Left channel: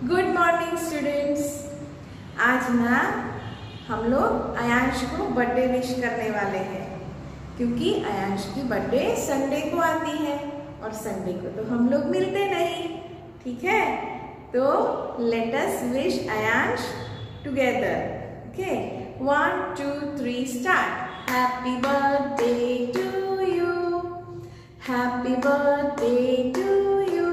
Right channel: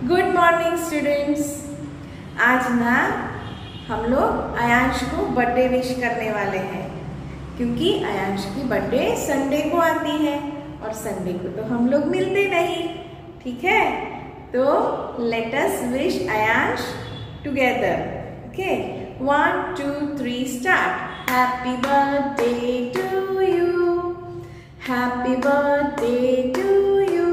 Good morning students. आज ना हम लोग अयांश को बर्थडे विश करने वाले हैं, क्योंकि अयांश की बर्थडे संडे को आती है और संडे को तो हम लोग मिलते नहीं, ठीक है। तो let us wish Ayansh together. Okay, 1 2 3 start. Happy birthday to you, happy birthday to you,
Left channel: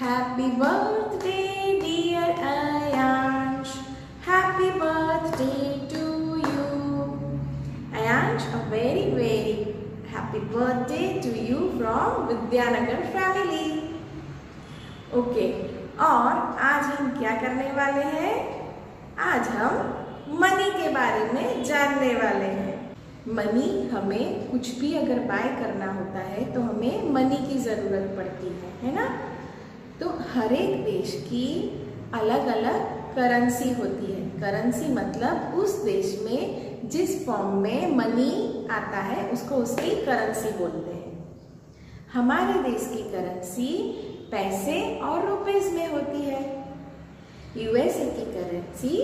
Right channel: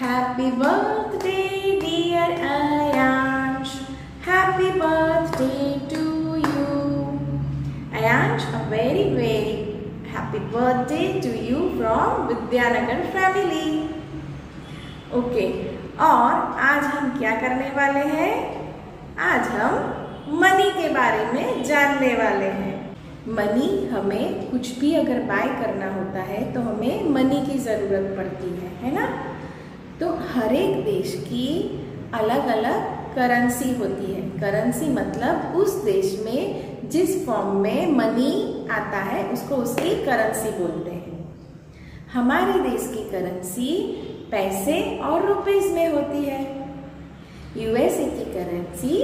happy birthday dear Ayansh, happy birthday to you. Ayansh, a very very happy birthday to you from Vidyanagar family. Okay, और आज हम क्या करने वाले हैं? आज हम money के बारे में जानने वाले हैं। मनी, हमें कुछ भी अगर बाय करना होता है तो हमें मनी की जरूरत पड़ती है ना। तो हर एक देश की अलग अलग करेंसी होती है। करेंसी मतलब उस देश में जिस फॉर्म में मनी आता है उसको उसकी करेंसी बोलते हैं। हमारे देश की करेंसी पैसे और रुपीस में होती है। यूएसए की करेंसी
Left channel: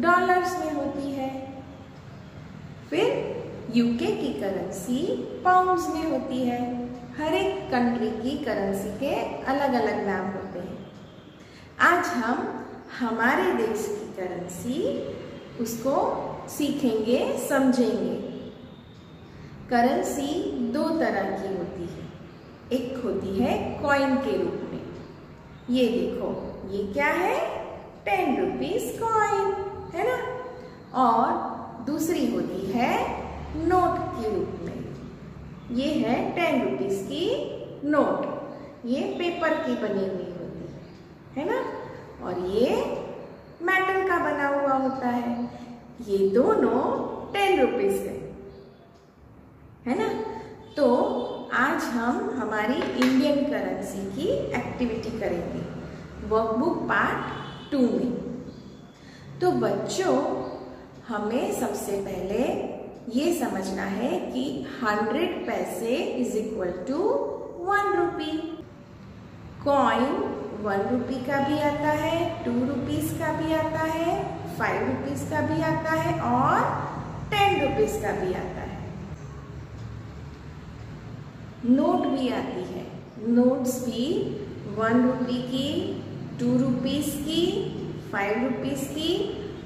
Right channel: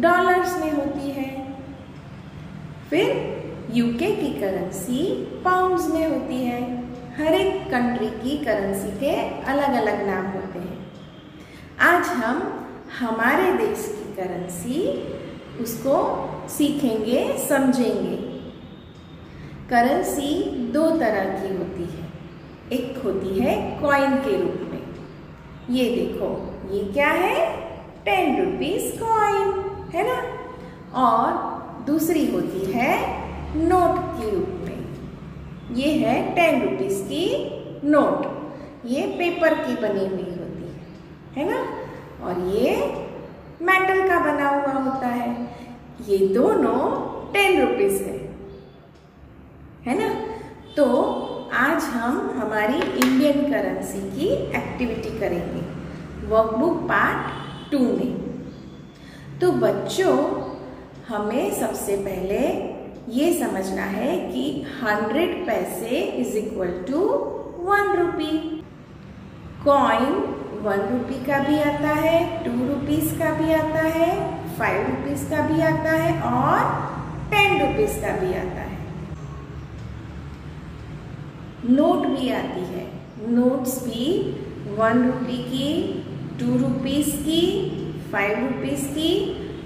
डॉलर्स में होती है। फिर यूके की करेंसी पाउंड्स में होती है। हर एक कंट्री की करेंसी के अलग अलग नाम होते हैं। आज हम हमारे देश की करेंसी उसको सीखेंगे, समझेंगे। करेंसी दो तरह की होती है। एक होती है कॉइन के रूप में, ये देखो, ये क्या है? 10 रुपीज कॉइन है ना। और दूसरी होती है नोट के रूप में, ये है 10 रुपीज की नोट। ये पेपर की बनी हुई होती है ना। और ये मेटल का बना हुआ होता है। ये दोनों 10 रुपीज है ना। तो आज हम हमारी इंडियन करेंसी की एक्टिविटी करेंगे वर्कबुक पार्ट 2 में। तो बच्चों, हमें सबसे पहले ये समझना है कि 100 पैसे is equal to 1 rupee. Coin 1 rupee का भी आता है, 2 रुपीज का भी आता है, 5 रुपीज का भी आता है और 10 रुपीज का भी आता है। नोट भी आती है। नोट्स भी 1 रुपी की, 2 रुपीज की, 5 रुपीज की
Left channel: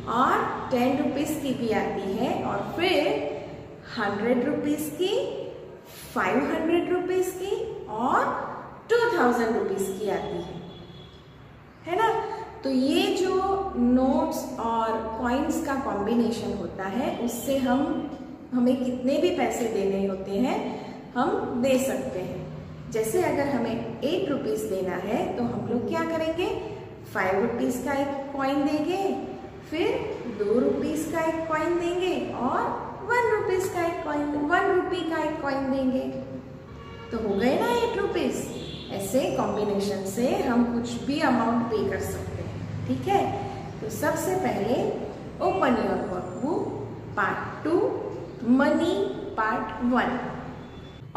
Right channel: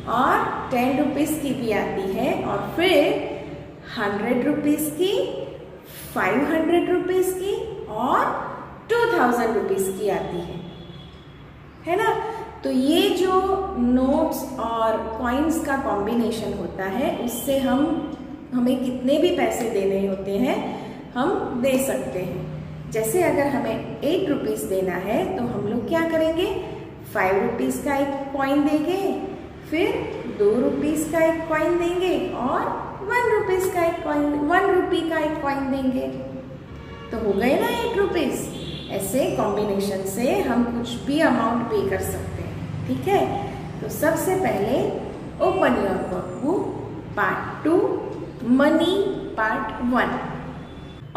और 10 रुपीज की भी आती है। और फिर 100 रुपीज की, 500 रुपीज की और 2000 रुपीज की आती है ना। तो ये जो नोट्स और कॉइन्स का कॉम्बिनेशन होता है, उससे हमें कितने भी पैसे देने होते हैं हम दे सकते हैं। जैसे अगर हमें 8 रुपीज देना है तो हम लोग क्या करेंगे? 5 रुपीज का एक कॉइन देंगे, फिर 2 रुपीज का एक कॉइन देंगे और 1 रुपीज का एक कॉइन, 1 रुपी का एक कॉइन देंगे, तो हो गए ना 8 रुपीज। ऐसे कॉम्बिनेशन से हम कुछ भी अमाउंट पे कर सकते हैं, ठीक है। तो सबसे पहले open your workbook part 2 money part 1।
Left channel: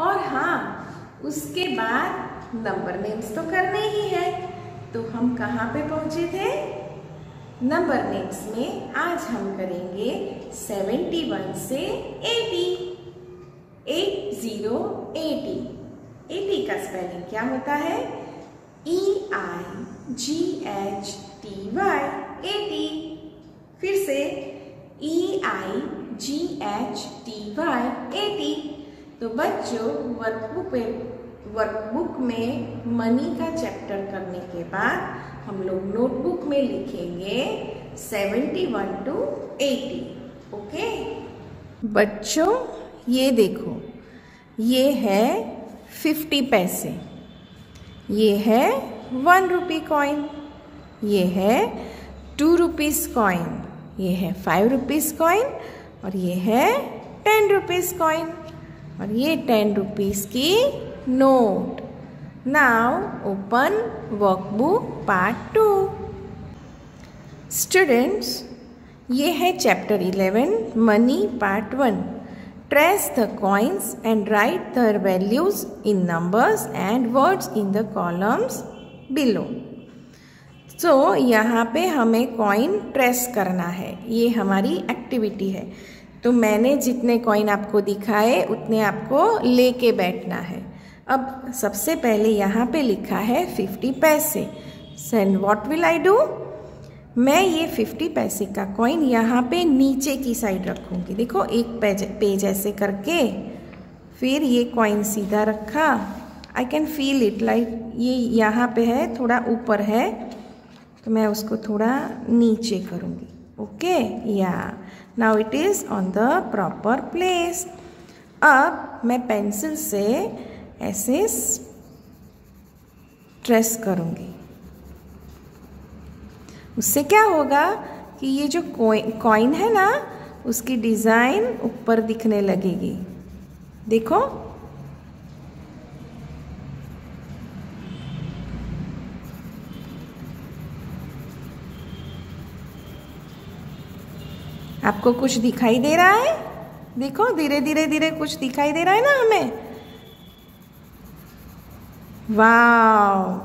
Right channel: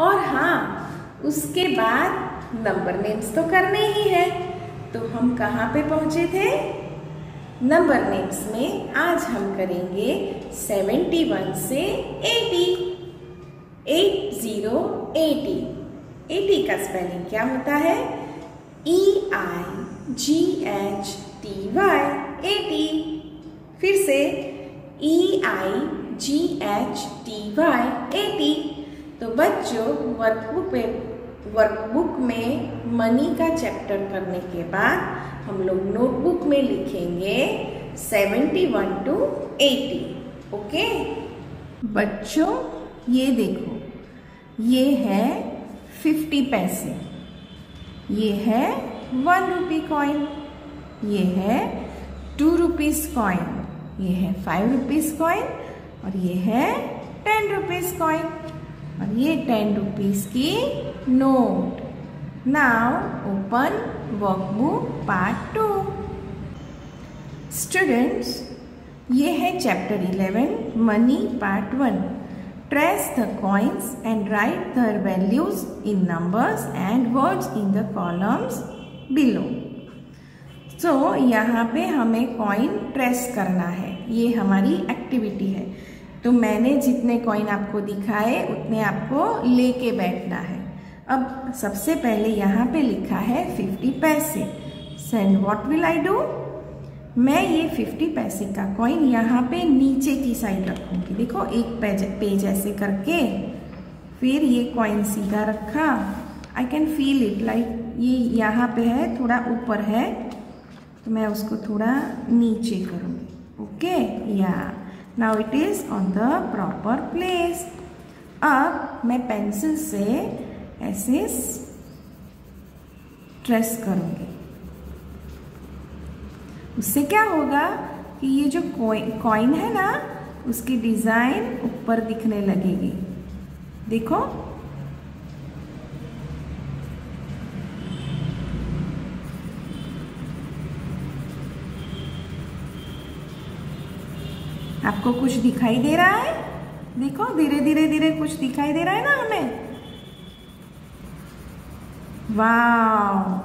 और हाँ, उसके बाद नंबर नेम्स तो करने ही है। तो हम कहाँ पे पहुंचे थे? नंबर नेम्स में आज हम करेंगे 71 से 80। 80 80 का स्पेलिंग क्या होता है? EIGHTY 80। फिर से EIGHTY 80। तो बच्चों, वर्कबुक में मनी का चैप्टर करने के बाद हम लोग नोटबुक में लिखेंगे 71 to 80। ओके बच्चों, ये देखो, ये है 50 पैसे, ये है 1 रुपी कॉइन, ये है 2 रुपीज कॉइन, ये है 5 रुपीज कॉइन और ये है 10 रुपीज कॉइन और ये 10 रुपीज की note. Now open workbook part 2। Students, ये है chapter 11 money part 1। Trace the coins and right their values in numbers and words in the columns below। तो यहाँ पे हमें कॉइन ट्रेस करना है, ये हमारी एक्टिविटी है। तो मैंने जितने कॉइन आपको दिखाए उतने आपको लेके बैठना है। अब सबसे पहले यहाँ पे लिखा है 50 पैसे। Send what will I do, मैं ये 50 पैसे का कॉइन यहाँ पे नीचे की साइड रखूँगी। देखो एक पेज ऐसे करके, फिर ये कॉइन सीधा रखा। I can feel it like ये यहाँ पे है, थोड़ा ऊपर है, तो मैं उसको थोड़ा नीचे करूँगी। ओके, या now it is on the proper place. अब मैं पेंसिल से ऐसे ट्रेस करूँगी। उससे क्या होगा कि ये जो कॉइन है ना, उसकी डिजाइन ऊपर दिखने लगेगी। देखो, आपको कुछ दिखाई दे रहा है? देखो धीरे धीरे धीरे कुछ दिखाई दे रहा है ना हमें। वाव,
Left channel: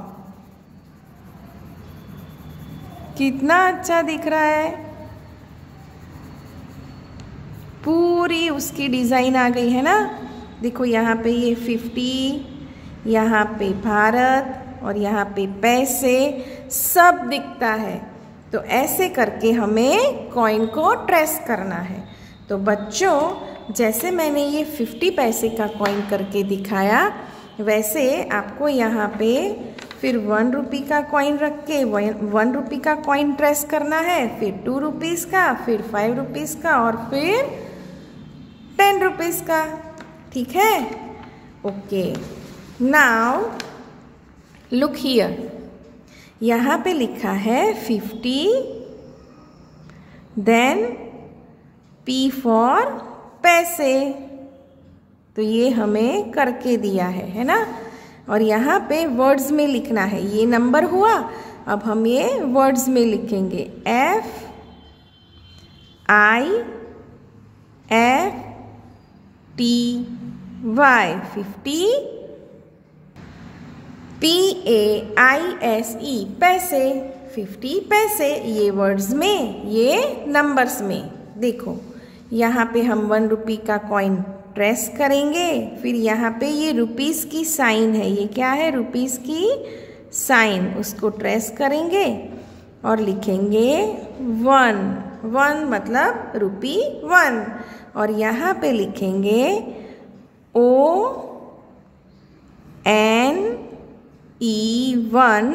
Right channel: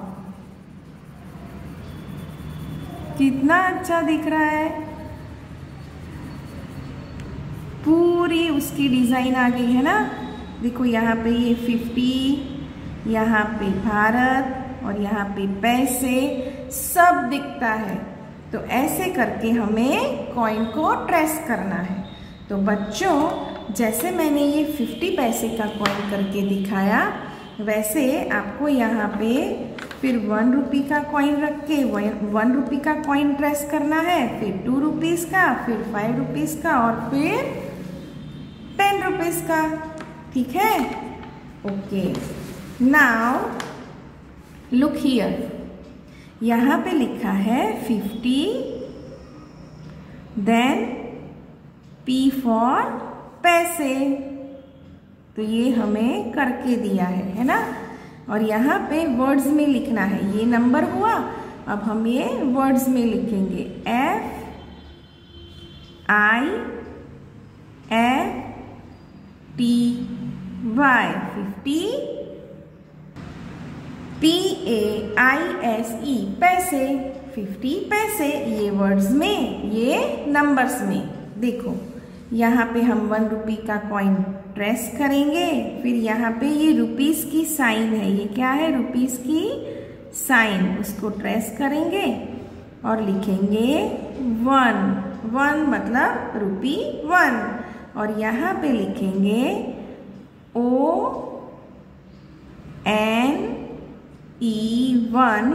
कितना अच्छा दिख रहा है। पूरी उसकी डिजाइन आ गई है ना। देखो यहाँ पे ये 50, यहाँ पे भारत और यहाँ पे पैसे सब दिखता है। तो ऐसे करके हमें कॉइन को ट्रेस करना है। तो बच्चों, जैसे मैंने ये 50 पैसे का कॉइन करके दिखाया, वैसे आपको यहाँ पे फिर 1 रुपये का कॉइन रख के 1 रुपये का कॉइन ट्रेस करना है, फिर 2 रुपीज़ का, फिर 5 रुपीज़ का और फिर 10 रुपीज़ का। ठीक है? ओके, नाउ लुक हियर, यहाँ पे लिखा है 50, देन P फॉर पैसे। तो ये हमें करके दिया है ना। और यहाँ पे वर्ड्स में लिखना है, ये नंबर हुआ। अब हम ये वर्ड्स में लिखेंगे FIFTY, PAISE, पैसे, 50 पैसे। ये वर्ड्स में, ये नंबर्स में। देखो यहाँ पे हम 1 रुपये का कॉइन ट्रेस करेंगे, फिर यहाँ पे ये रुपीस की साइन है, ये क्या है? रुपीस की साइन, उसको ट्रेस करेंगे और लिखेंगे 1 मतलब रुपी 1। और यहाँ पे लिखेंगे ONE 1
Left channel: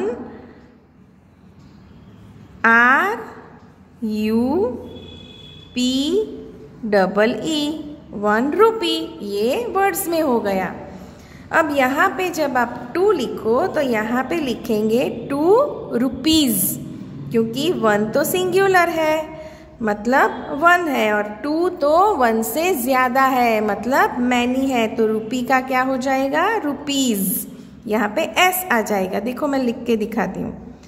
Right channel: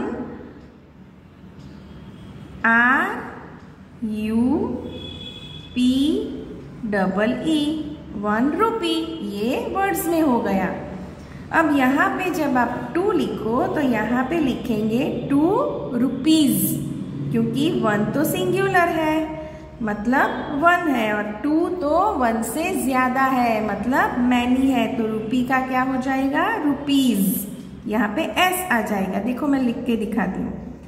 RUPEE 1 रुपी। ये वर्ड्स में हो गया। अब यहाँ पे जब आप 2 लिखो तो यहाँ पे लिखेंगे 2 रुपीज़, क्योंकि 1 तो सिंगुलर है मतलब 1 है, और 2 तो 1 से ज़्यादा है मतलब मैनी है। तो रुपी का क्या हो जाएगा? रुपीज़। यहाँ पे S आ जाएगा। देखो मैं लिख के दिखाती हूँ,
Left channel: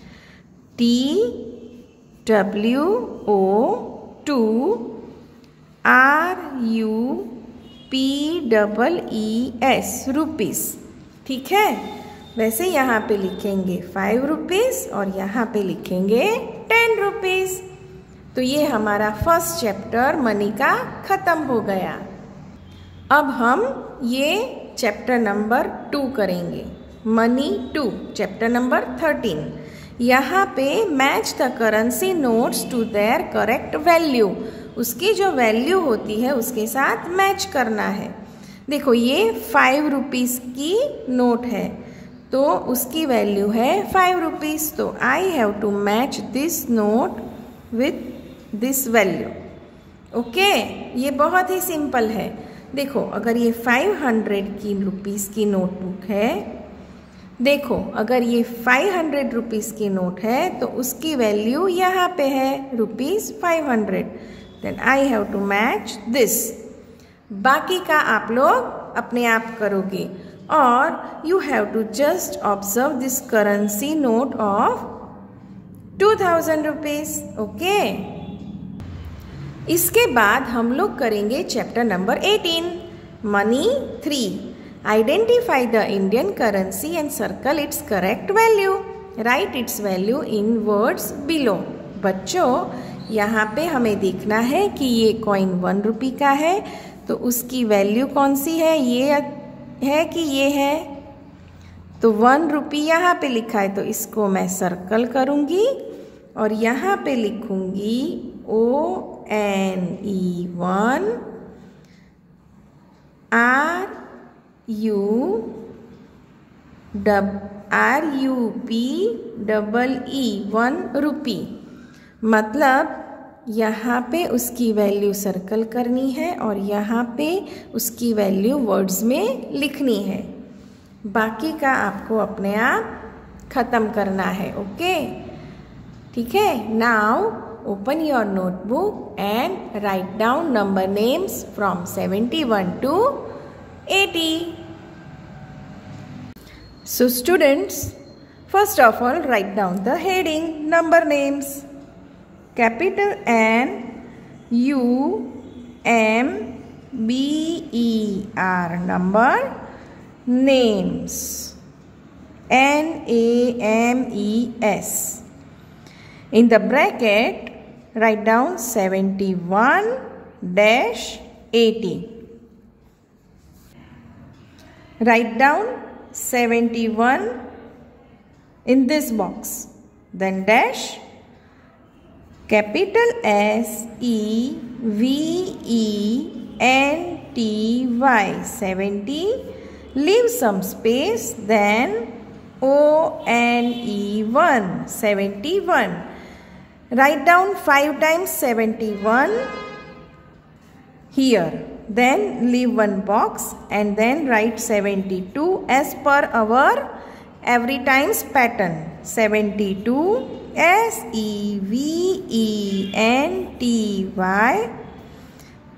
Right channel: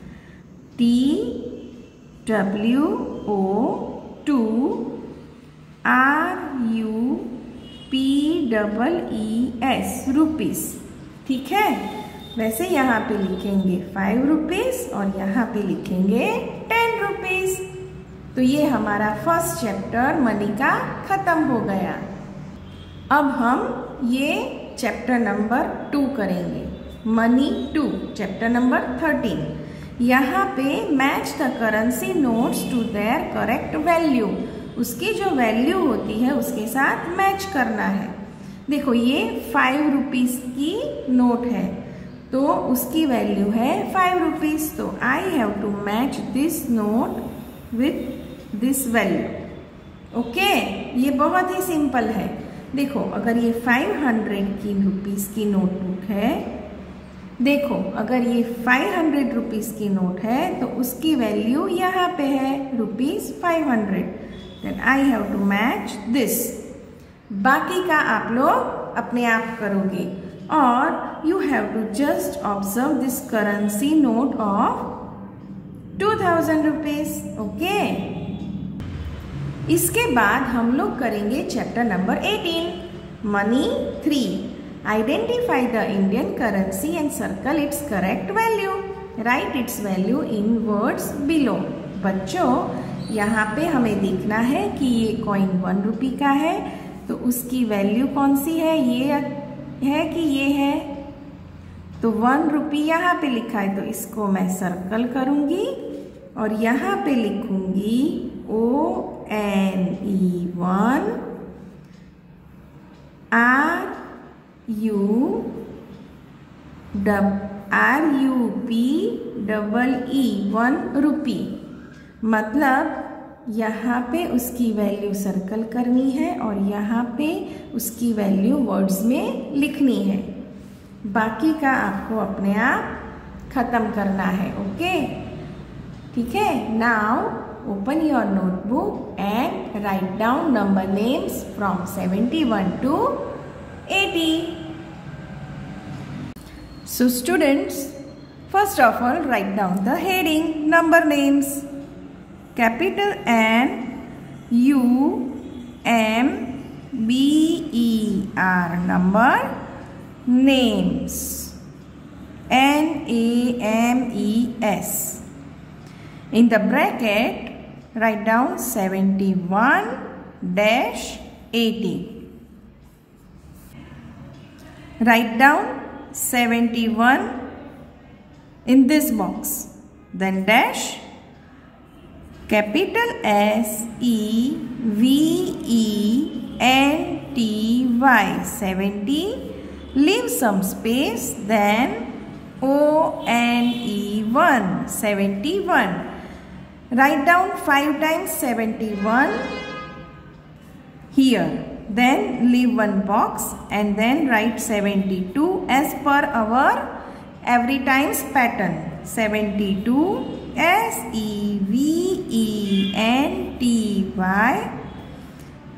TWO2 RUPEES, रुपीस। ठीक है? वैसे यहाँ पे लिखेंगे 5 रुपीज़ और यहाँ पे लिखेंगे 10 रुपीज़। तो ये हमारा फर्स्ट चैप्टर मनी का खत्म हो गया। अब हम ये चैप्टर नंबर 2 करेंगे, मनी 2, चैप्टर नंबर 13। यहाँ पे match the currency notes to their correct value, उसकी जो वैल्यू होती है उसके साथ मैच करना है। देखो ये 5 रुपीज़ की नोट है, तो उसकी वैल्यू है 5 रुपीज़। तो I have to match this note with this value. Okay, ये बहुत ही सिंपल है। देखो अगर ये 500 की रुपीज़ की नोटबुक है, देखो अगर ये 500 रुपीज़ की नोट है तो उसकी वैल्यू यहाँ पे है ₹500। Then I have to match this. बाकी का आप लोग अपने आप करोगे, और you have to just observe this currency note of 2000 rupees. Okay, इसके बाद हम लोग करेंगे chapter number 18, money 3। Identify the Indian currency and circle its correct value. Right its value in words below. बच्चों, यहाँ पे हमें देखना है कि ये कॉइन 1 रुपये का है, तो उसकी वैल्यू कौन सी है, ये है कि ये है। तो 1 रुपये यहाँ पे लिखा है, तो इसको मैं सर्कल करूँगी और यहाँ पे लिखूँगी ONE1 RUPEE 1 रुपी। मतलब यहाँ पे उसकी वैल्यू सर्कल करनी है और यहाँ पे उसकी वैल्यू वर्ड्स में लिखनी है। बाकी का आपको अपने आप खत्म करना है। ओके, ठीक है। Now open your notebook and write down number names from 71 to 80. So students, first of all write down the heading number names. Capital N U M B E R number names NAMES. In the bracket write down 71-80. Write down 71 in this box. Then dash capital SEVENTY 70. Leave some space. Then ONE1 71. Write down 5 times 71 here. Then leave one box and then write 72 as per our every times pattern. 72 SEVENTY.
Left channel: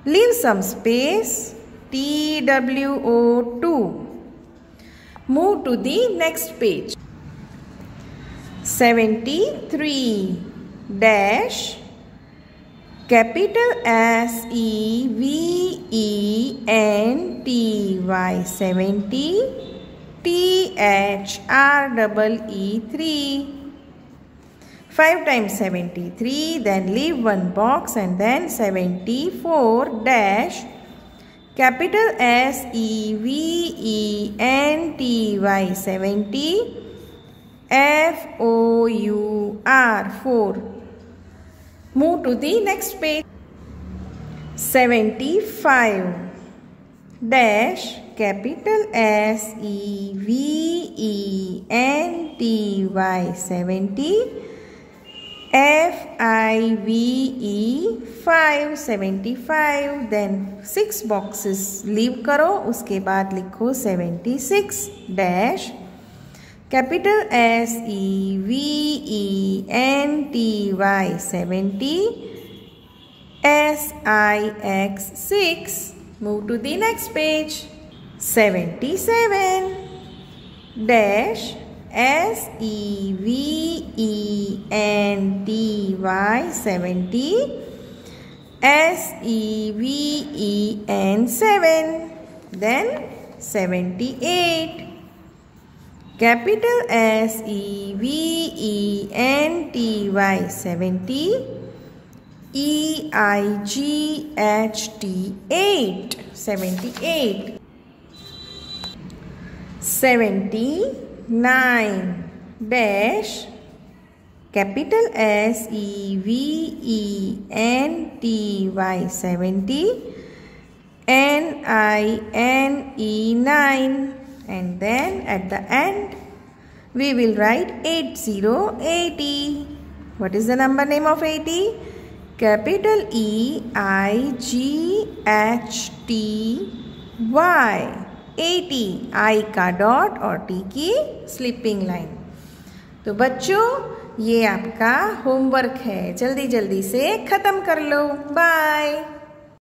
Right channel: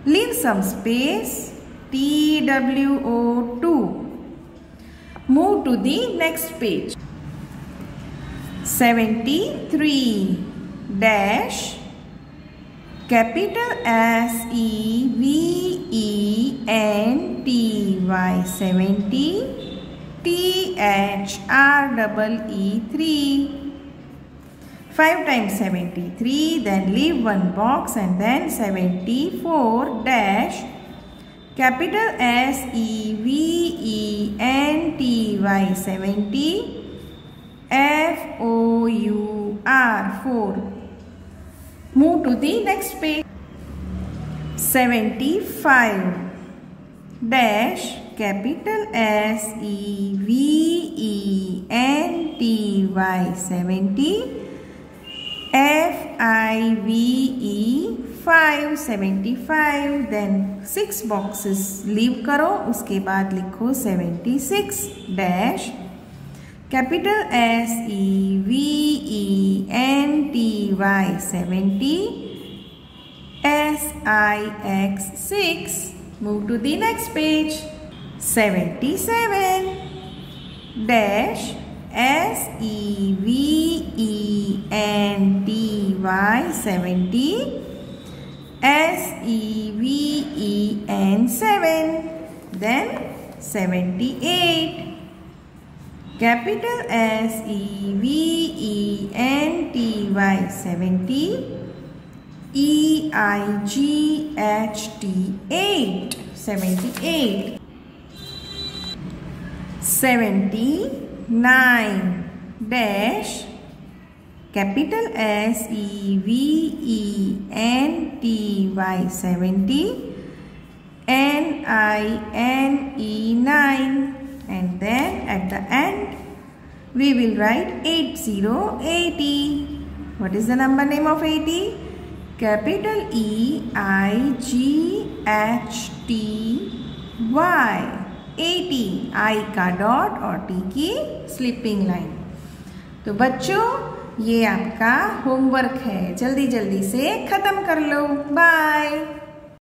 Leave some space. TWO2. Move to the next page. 73 dash capital SEVENTY 70 THREE 5 times 73. Then leave one box and then 74 dash capital SEVENTY 70 FOUR 4. Move to the next page. 75 dash capital SEVENTY 70 FIVE 575. Then 6 boxes leave करो, उसके बाद लिखो 76 dash capital SEVENTY 70 SIX6. Move to the next page. 77 dash SEVENTY 70 SEVEN7. Then 78 capital SEVENTY 70 EIGHT 78. 79 dash capital SEVENTY 70 NINE. And then at the end we will write 8080. What is the number name of 80? Capital EIGHTY 80. I का dot और T की slipping line. तो बच्चों, ये आपका homework है, जल्दी जल्दी से खत्म कर लो। बाय।